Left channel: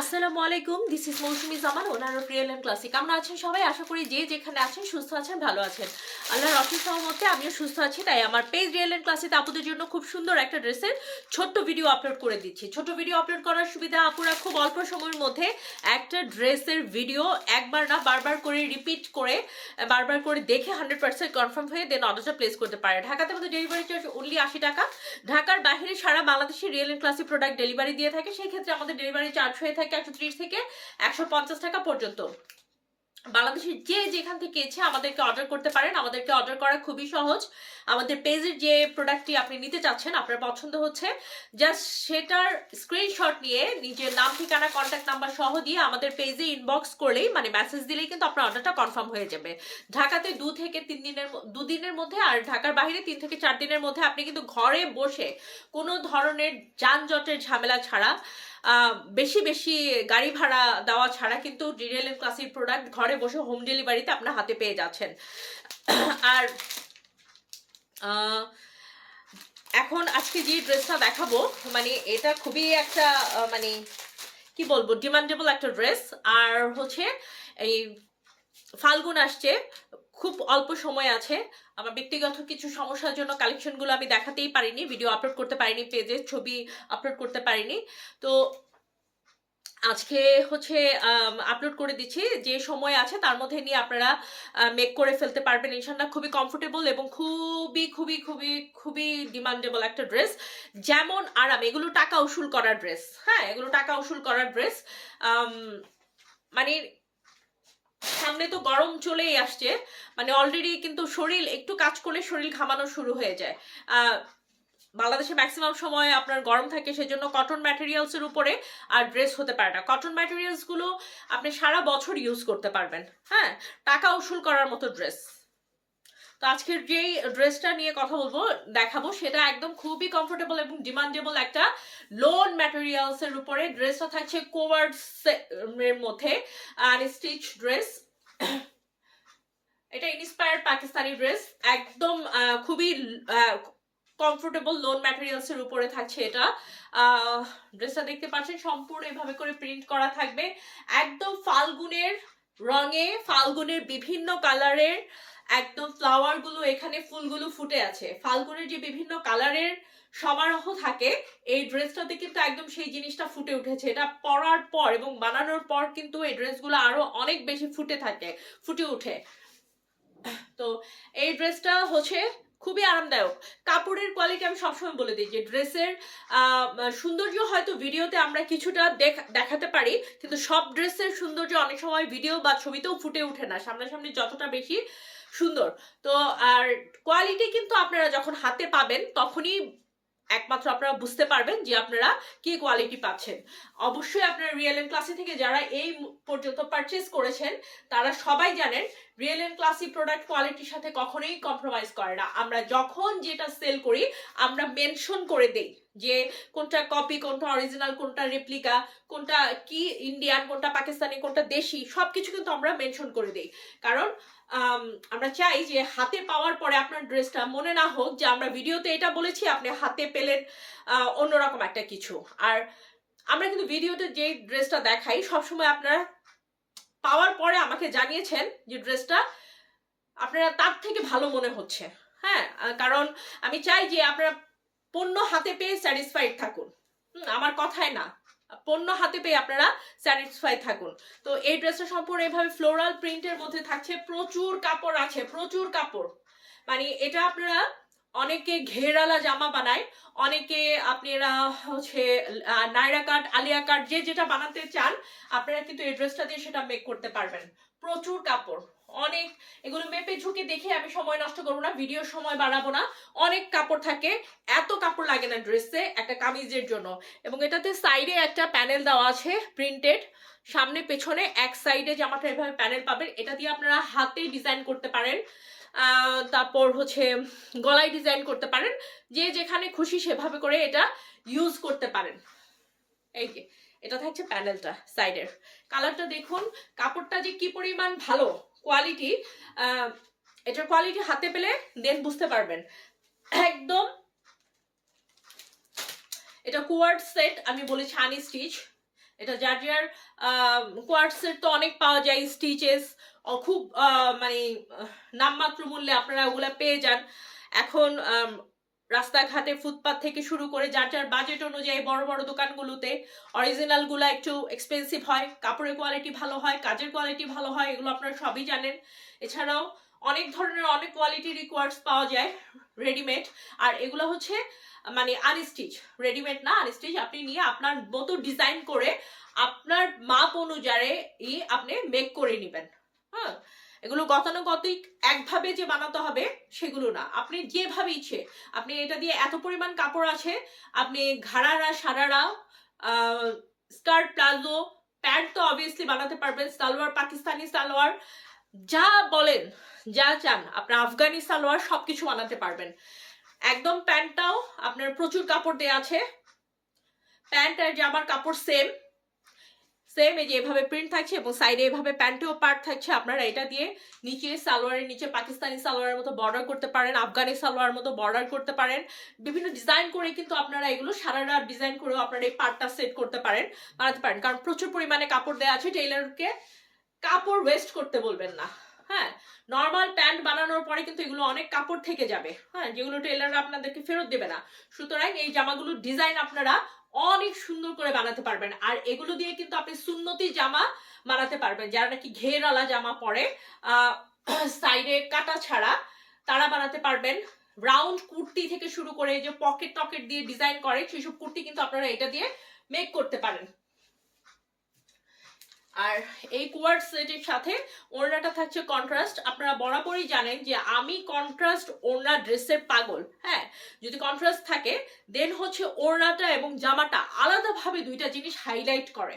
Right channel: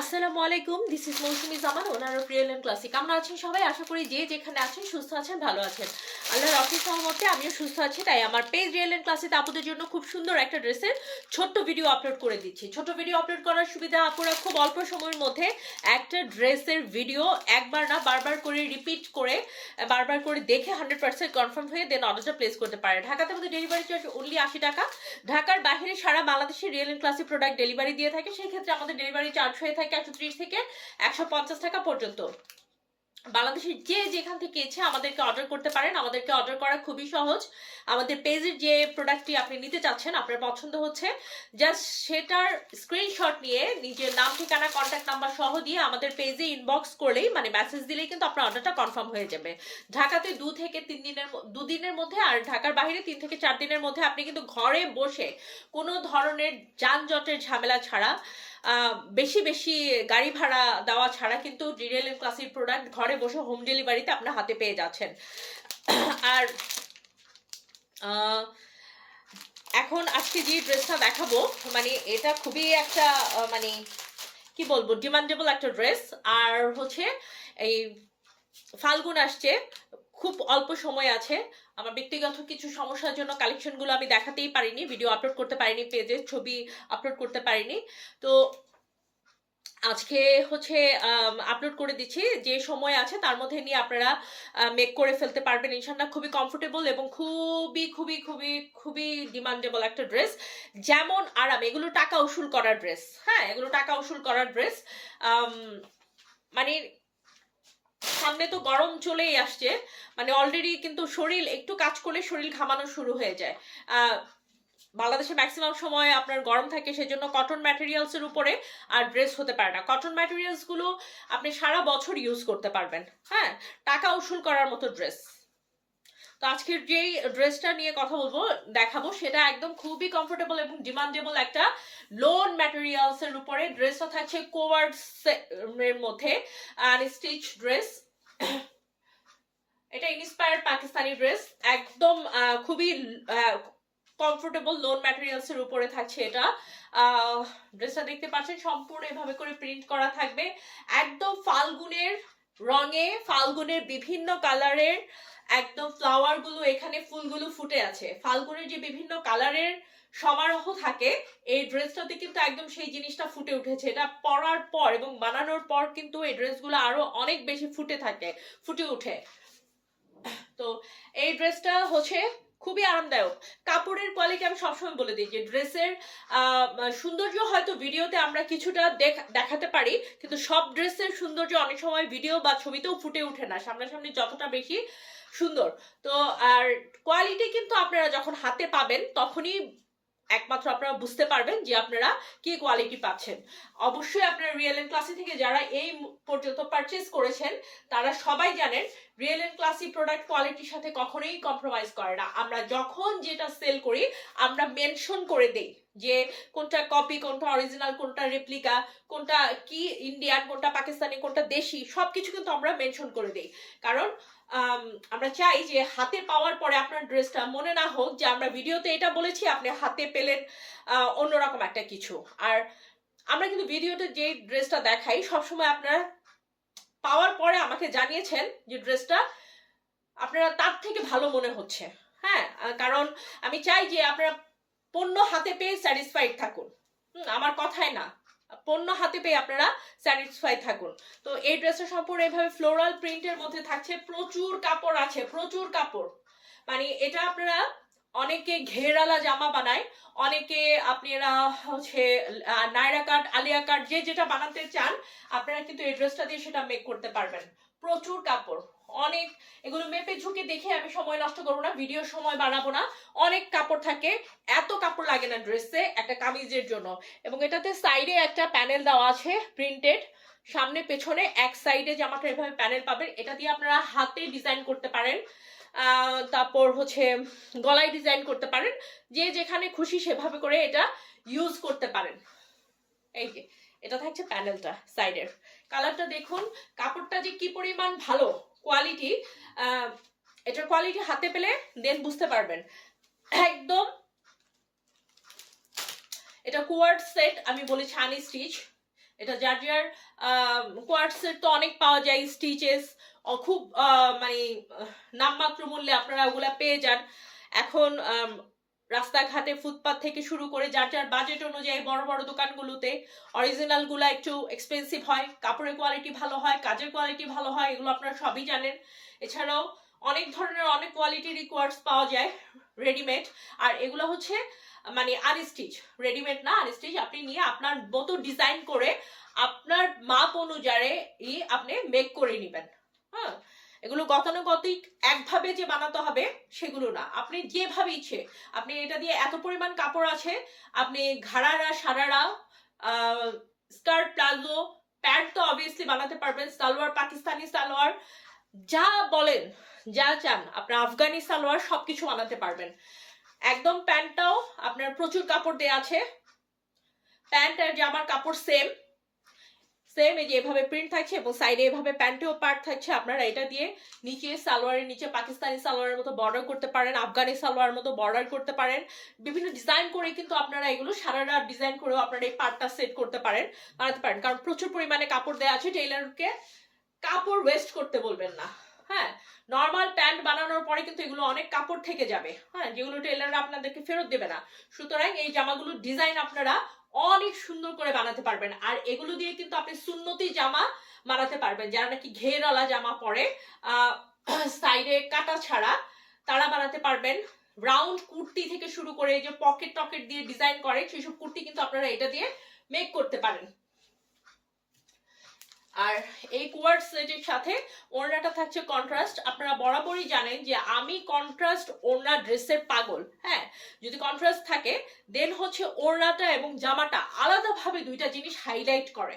আসসালামু আলাইকুম, this is Mousumi Zaman, owner of Real and Classic. আমরা আছেন সবাই, আশা করি যে যেখানে আছেন সুস্থ আছেন, ভালো আছেন। আল্লাহর অফিস সহমতে আমিও সুস্থ আছি। তাই আমার পেজ রিয়েল এন্ড ক্লাসিক আপুদের জন্য খুব সুন্দর একটা ড্রেসের ছোট্ট ভিডিও আপলোড করে দিচ্ছি। ছোট ভিডিও আপলোড করার সুবিধা, আপুরা খুব অল্প সময়ের মধ্যে একটা ড্রেসের ভিডিও একবার না বারবার করে রিপিট করে বারবার করে দেখে 100% কনফার্ম হয়ে দেন অর্ডারটা প্লেস করতে পারে। ঢাকাতে আমাদের ডেলিভারি চার্জ অনলি 80 টাকা। ঢাকার বাইরে সারা বাংলাদেশে Real and Classic product delivery দিয়ে থাকে। সেই ক্ষেত্রে আমাদের ডেলিভারি চার্জ হয়ে থাকে 130 থেকে 150 টাকা পর্যন্ত। বাংলাদেশের যে যেখান থেকে ইচ্ছে আমাদেরকে অর্ডার করতে পারেন। আমাদেরকে অর্ডার করা খুবই সহজ। আমাদের পেজের যে প্রোডাক্টটি আপনি নিতে চাচ্ছেন, আপনার পছন্দ হচ্ছে, জাস্ট সেটার স্ক্রিনশট নিয়ে নিজের নাম, ঠিকানা, কন্ট্যাক্ট নাম্বার সহ দিয়ে আমাদের পেজে ইনবক্স করলেই, মানে মেসেজ দিলেই কিন্তু আপনার অর্ডারটা কনফার্ম হয়ে যাবে। ঢাকাতে 2 থেকে 3 দিনের, 2 দিনের মধ্যে, আর ঢাকার বাইরে 3 থেকে 4 দিনের মধ্যে আপনি কিন্তু ঘরে বসে কোনো ধরনের যানজটের ঝামেলা ছাড়া, বেশি বেশি গাড়ি ভাড়া দেওয়া ছাড়া কিন্তু রিয়েল এন্ড ক্লাসিক প্রোডাক্ট ঘরে বসে হোম ডেলিভারিতে আপনার হাতে পেয়ে যাচ্ছেন। আর এখন আজকে যে ড্রেসটা দেখাবো, মানে এটা খুবই একটা মানে কি বলবো, ডিমান্ডেবল একটা ড্রেস। আর হচ্ছে এই ফাল্গুন আসছে, খুব অল্প সময় আছে। আমার ব্যক্তিগত কিছু সমস্যার জন্য কালেকশনগুলো আমি দেখাতেই পারিনি, ভিডিও আপলোড করতে পারিনি, পেজে ছবি আপলোড করতে পারিনি। তো আজকে হচ্ছে আপলোড করে দিচ্ছি। যে সময় আছে তার মধ্যে নিয়ে আপনারা মেক করে ফেলতে পারবেন ইনশাল্লাহ। খুবই কমফোর্টেবল এবং খুবই খুবই খুবই খুবই ডিমান্ডেবল একটা ড্রেস। যেমন আরাম, এগুলো টাকা উসুল করার ড্রেস। হ্যাঁ, এগুলো টাকা উসুল করার ড্রেস। মানে সামনে তো গরম চলেই আসছে, মানে অলরেডি কিন্তু শরীর একটু কাজ করলে শরীর ঘামানো শুরু হয়ে যায়। বাংলাদেশে ম্যাক্সিমাম সময় আপনার গরম থাকে, সেজন্য কটন ম্যাটেরিয়ালস এর উপরে আর ড্রেস হতে পারে না। কটন ম্যাটেরিয়ালস গুলো আপনি সারা বছর ইউজ করতে পারবেন। হ্যাঁ, টাকা উসুল করার মতো ড্রেস। তো আজকের যেই ড্রেসটা নিয়ে কথা বলবো, দেখাবো, সেটা একদম খুবই কমফোর্টেবল এবং ডিমান্ডেবল একটা লোন ম্যাটেরিয়ালস এর উপরে। ড্রেসটা থাকছে কোয়ার্ডস এর মধ্যে আর স্টিচ ড্রেস। এটা ইন্সপায়ার্ড পাকিস্তানি ড্রেস, একদম খুবই কমফোর্টেবল লোন ম্যাটেরিয়ালস এর উপরে থাকছে এটা। ড্রেসটা দেখতে পাচ্ছেন সম্পূর্ণ এভাবে করে প্রিন্ট করা থাকবে, একদম ফাল্গুনের রঙে, ফাল্গুনের বিভিন্ন কালারের একদম ফ্লাওয়ার গুলো, এখানে ফুলগুলো ফুটে আছে। ফাল্গুনের যে বিভিন্ন কালারের সমারোহ থাকে, এই ড্রেসটাতে কিন্তু একদম সেই জিনিসটা ফুটে উঠেছে। এটা পরার পর এবং বানানোর পর কিন্তু এই ড্রেসগুলো আরো অনেক বেশি ফুটে উঠে। তো এই ড্রেসটা হচ্ছে খুবই আরামদায়ক। কাপড়ের কোয়ালিটি আমি সবসময় বলে দিই যে ড্রেসের সৌন্দর্য হয়তো ভিডিওতে আমরা কিছুটা দেখাতে পারি, কিন্তু সব ড্রেসের সৌন্দর্য অনেক সময় ভিডিও বা ছবিতেও ফুটে ওঠে না সামনাসামনি যতটা বেশি সুন্দর। তো আর কোয়ালিটি কিন্তু আপনারা যখন হাতে পাবেন তখনই একমাত্র আপনারা বুঝতে পারবেন যে আপনারা কি কোয়ালিটি পাচ্ছেন। অবশ্যই আপনারা রিয়েল এন্ড ক্লাসি থেকে যারা এই পর্যন্ত পারচেজ করেছেন তারা সবাই জানেন রিয়েল এন্ড ক্লাসি প্রোডাক্ট কোয়ালিটির সাথে কখনোই কম্প্রোমাইজ করে না। আমরা যখন যেটা সেল করি আমরা মেনশন করে দেই যে কোনটা কপি, কোনটা অরিজিনাল, কোনটা রেপ্লিকা, কোনটা কি ইন্ডিয়ান, কোনটা পাকিস্তানি, কোনটা দেশি, সবকিছু কিন্তু আমরা মেনশন করে দেই। কারণ আমরা চাই যে হাতে পাওয়ার পরে আপনার ড্রেসটা মনে না হোক যে আমরা ভিডিওতে এটা বলেছি, আপনি হাতে পেলেন অন্যরকম একটা কিছু। আর আমরা কিন্তু ভিডিওতে যে ড্রেসটা দেখাই সবসময় আপনারা পাওয়ার পরে আমাকে জানিয়েছেন যে ড্রেসটা আপনারা তার থেকে ভালো মনে হচ্ছে। হ্যাঁ, কারণ আমি চাই যে আপনারা পণ্য হাতে পেয়ে স্যাটিসফাইড থাকুন। আমার কথায় না, পণ্য হাতে পেয়ে আপনারা স্যাটিসফাই থাকুন। তো এই ড্রেসটা সম্পূর্ণ এইভাবে ফ্লোরাল প্রিন্টের মধ্যে থাকছে, প্রচুর কাপড় আছে, প্রচুর কাপড়। মানে এটা আপনারা অনেকে ঘেরালা জামা বানায়, অনেকে আপনারা হচ্ছে নায়রা কাট, আলিয়া কাট, যে যেটা বানাতে চান আপনারা কিন্তু এই ড্রেসটা দিয়ে সেটা মেক করতে পারবেন। প্রচুর কাপড়, অনেক। এগুলো মেপে ঝুঁকে দেখে আমি সময় নষ্ট করবো না, ভিডিওর সময় বাড়াবো না। অনেক কাপড় থাকে, এত কাপড় লাগে না ড্রেসে একটা কামিজের জন্য। এবং এটাতে সাইডে একটা প্যানেল দেওয়া আছে প্রিন্টেড, সামনে পেছনে এক সাইডে জামাটা এভাবে প্যানেল পাবেন। এটা দিয়ে আপনারা হাতে ডিজাইন করতে পারেন, তারপর হচ্ছে গলায় ডিজাইন করতে পারেন, যে যেখানে খুশি সেভাবে করে এটা ইউজ করতে পারেন। এই যে এটা থাকছে প্যানেলটা সাইডের, কালারটা দেখুন, কাপড়টা যে কি পরিমাণ ভালো কোয়ালিটি, এটার কোয়ালিটি হাতে পেলে দেন বুঝতে পারবেন। একদম এটা কোয়ার্ড সেট, আমি বলেছি আনি স্টিচ, এটা জার্জিয়ার কোয়ার্টসের তো অনেক পাওয়া যায়, স্টিচেস খুব মানে নামমাত্র মূল্যে আপনারা ওগুলা পেয়ে যান। এখন রাস্তাঘাটে ফুটপাথ থেকে শুরু করে যার যার বাজেট অনুযায়ী বড় বড় দোকানগুলোতে অরিজিনাল গুলা একটু এক্সপেন্সিভ হয়, কাপড়ের কোয়ালিটি ভালো হয়, কাজের কোয়ালিটি ভালো হয়, এগুলো আপনারা সবই জানেন। এছাড়াও অনেক ধরনের অনেক কোয়ালিটির রিকোয়ার্ডস পাওয়া যায় রেডিমেড, আর এগুলো হচ্ছে মানে আনস্টিচ, রেডিমেড না আনস্টিচ। আপনি নিয়ে আপনার মতো ডিজাইন করে আপনার মাপ অনুযায়ী আপনি মেক করে নেবেন। হ্যাঁ, এগুলো গতানুগতিক একভাবে যে বানাতে হবে সেগুলো না, আপনি যেভাবে ইচ্ছে, আপনি এটা দিয়ে এত পরিমাণ কাপড় আছে, আপনি ঘাড়ারা সারারা স্কার্ট প্লাজো প্যান্ট তো অবভিয়াসলি বানাতে পারবেন, সালোয়ার পাকিস্তানি সালোয়ার যা বলেন যা চান, আপনার আফগানি সালোয়ার সবকিছু বানাতে পারবেন। একদম প্যান্টটাও আপনার প্রচুর কাপড় দেওয়া আছে, প্যান্ট আর জামার কাপড় সেম সেম, এই যে এভাবে প্রিন্ট থাকছে এবং সাইডে এভাবে প্যান্টেও পার্ট থাকছে। আপনারা এটা দিয়ে নিচে সালোয়ারের নিচে পাকিস্তানি সালোয়ারের মতো বর্ডার করতে পারেন, আফগানি সালোয়ার মতো বর্ডার করতে পারেন, বিভিন্ন ডিজাইন করে কিন্তু আপনারা এগুলো সারা রাত ডিজাইন করেও আপনারা এই পার্টটা সেট করতে পারেন, বানাতে পারেন। কারণ প্রচুর পরিমাণে কাপড় দেওয়া আছে, টেইলারকে কাপড় ওয়েস্ট করতে বলবেন না। হ্যাঁ, নর্মাল প্যান্ট বানানোর পরে কিন্তু এগুলো অনেক কাপড় থেকে যাবে, হ্যাঁ, যেগুলো টেইলাররা আপনাদেরকে ফেরত দেবে না। সুতরাং এই জামাগুলোর ডিজাইন আপনারা অনেক সুন্দর করে বানাতে পারবেন। আর এগুলো দিয়ে কিন্তু আপনি সুন্নতি জামা বানাতে পারবেন, যারা নাকি ঘেরওয়ালা জামা পরে সাইডে কাটা ছাড়া, তারা বানাতে পারবেন। রাউন্ড কুর্তি থেকে শুরু করে যে পকেট টকেট দিয়ে ডিজাইন করে সেসব কুর্তি কিন্তু আপনারা এটা দিয়ে মেক করতে পারেন। আর এই কোয়ার্ড সেটের সাথে ওড়নাটা থাকছে কন্ট্রাস্ট। আপনারা বরাবরই জানেন যে আমি কন্ট্রাস্ট ওড়না ড্রেসের পাগল। হ্যাঁ, যদি কন্ট্রাস্ট থাকে দেন হচ্ছে ওড়নাটা এবং জামাটা আলাদাভাবে দুইটা জিনিস হাইলাইট করে।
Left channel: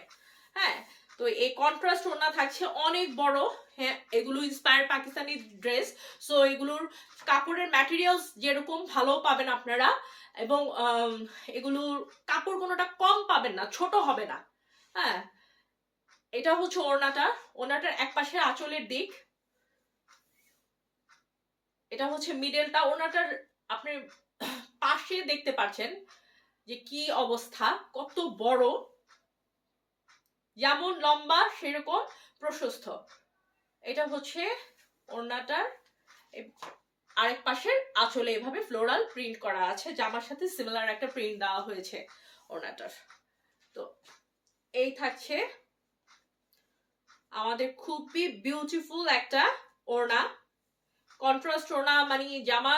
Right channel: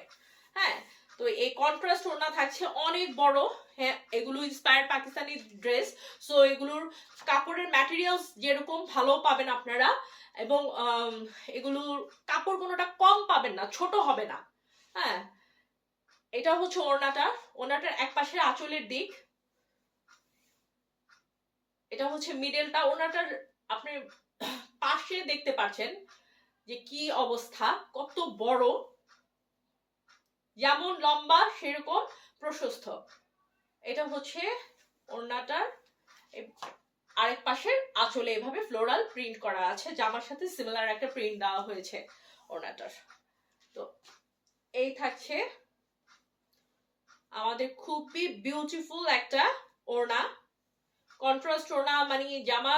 হ্যাঁ, তো এই কন্ট্রাস্ট ওড়না থাকছে অনেক বড়। হ্যাঁ, এগুলো ইন্সপায়ার পাকিস্তানি ড্রেস, সো এগুলোর কাপড়ের ম্যাটেরিয়ালস যেরকম ভালো পাবেন আপনারা, এবং এগুলোর কাপড় কোনোটা কম পাবেন না, ছোট হবে না। হ্যাঁ, এটা হচ্ছে ওড়নাটার এক পাশে আঁচলের দিক, এটা হচ্ছে মিডলটা। ওড়নাটার আপনি পাশে দেখতে পাচ্ছেন যে কি অবস্থা, কত বড়, যেমন লম্বা সেরকম প্রশস্ত। এটা হচ্ছে ওড়নাটার আরেক পাশের আঁচলে এভাবে ফ্লোরাল প্রিন্ট করা আছে, জামার সাথে সিমিলার একটা প্রিন্ট দেওয়া হয়েছে ওড়নাটার। তো এই থাকছে আমাদের খুবই বিউটিফুল একটা ওড়না, কন্ট্রাস্ট ওড়না। মানে জামা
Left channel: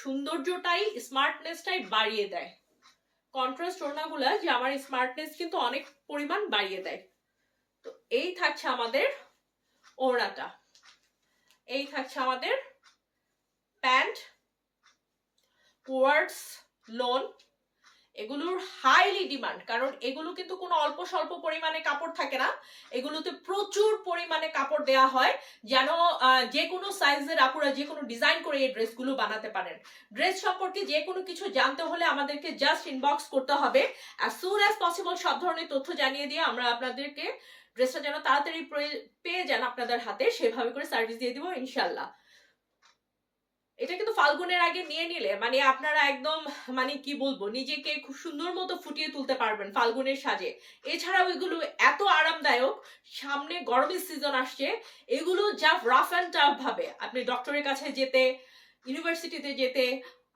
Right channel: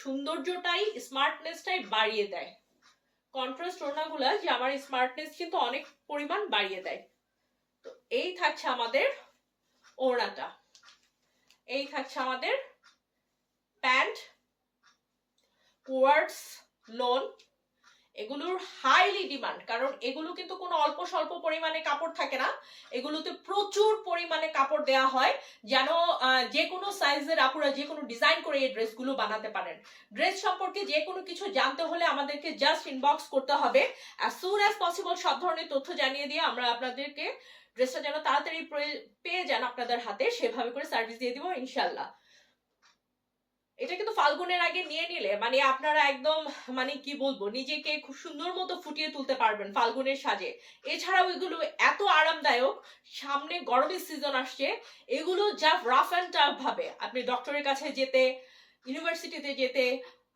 সৌন্দর্যটাই স্মার্টনেসটাই বাড়িয়ে দেয়। কন্ট্রাস্ট ওড়নাগুলা জামার স্মার্টনেস কিন্তু অনেক পরিমাণ বাড়িয়ে দেয়। তো এই থাকছে আমাদের ওড়নাটা, এই থাকছে আমাদের প্যান্ট কোয়ার্ডস লোন। এগুলোর হাইলি ডিমান্ড, কারণ এগুলো কিন্তু কোনো অল্প স্বল্প পরিমাণে কাপড় থাকে না, এগুলোতে প্রচুর পরিমাণে কাপড় দেওয়া হয়, যেন যে কোনো সাইজের আপুরা যে কোনো ডিজাইন করে এই ড্রেসগুলো বানাতে পারেন। ড্রেস সম্পর্কে যে কোনো কিছু জানতে হলে আমাদেরকে জাস্ট ইনবক্স করতে হবে, অ্যাজ সুন অ্যাজ পসিবল সব ধরনের তথ্য জানিয়ে দিয়ে আমরা আপনাদেরকে ড্রেসটা যেন তাড়াতাড়ি পেয়ে যান আপনাদের হাতে, সেভাবে করে সার্ভিস দিয়ে দিব ইনশাল্লাহ। এটা কিন্তু ফাল্গুনের আগে নিয়ে নিলে মানে আপনারা একদম মানে কি বলবো, নিজেকে খুব সুন্দর মতো ফুটিয়ে তুলতে পারবেন ফাল্গুনের সাজে। এছাড়াও এগুলো এত আরামদায়ক, সামনে গরমের সিজন আসছে, এগুলো যা রাফ অ্যান্ড টাফ ভাবে আপনি ডক্টরের কাছে যেতে, ইউনিভার্সিটিতে যেতে,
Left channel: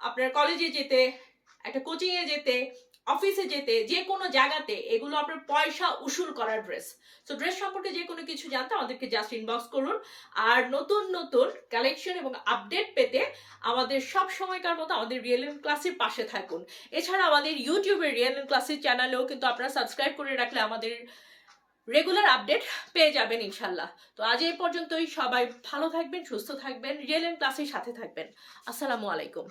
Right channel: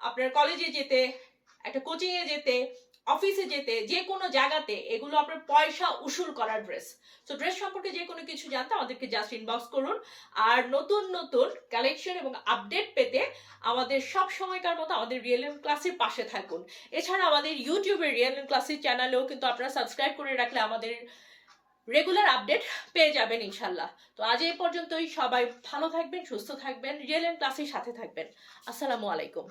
আপনার কলেজে যেতে, একটা কোচিং এ যেতে, অফিসে যেতে, যে কোনো জায়গাতে এগুলো আপনার পয়সা উসুল করার ড্রেস। তো ড্রেস সম্পর্কে যে কোনো কিছু জানতে আমাদেরকে জাস্ট ইনবক্স করুন। আর নতুন নতুন কালেকশন এবং আপডেট পেতে আমাদের সব সময়কার মতো আমাদের রিয়েল এম ক্লাসের পাশে থাকুন। এছাড়া আমাদের ইউটিউবের রিয়েল এম ক্লাসের চ্যানেলেও কিন্তু আপনারা সাবস্ক্রাইব করে রাখলে আমাদের রেগুলার আপডেট পেয়ে যাবেন ইনশাল্লাহ। তো আজ এই পর্যন্তই, সবাই ভালো থাকবেন, সুস্থ থাকবেন, রিয়েল এম ক্লাসের সাথে থাকবেন। আসসালামু আলাইকুম।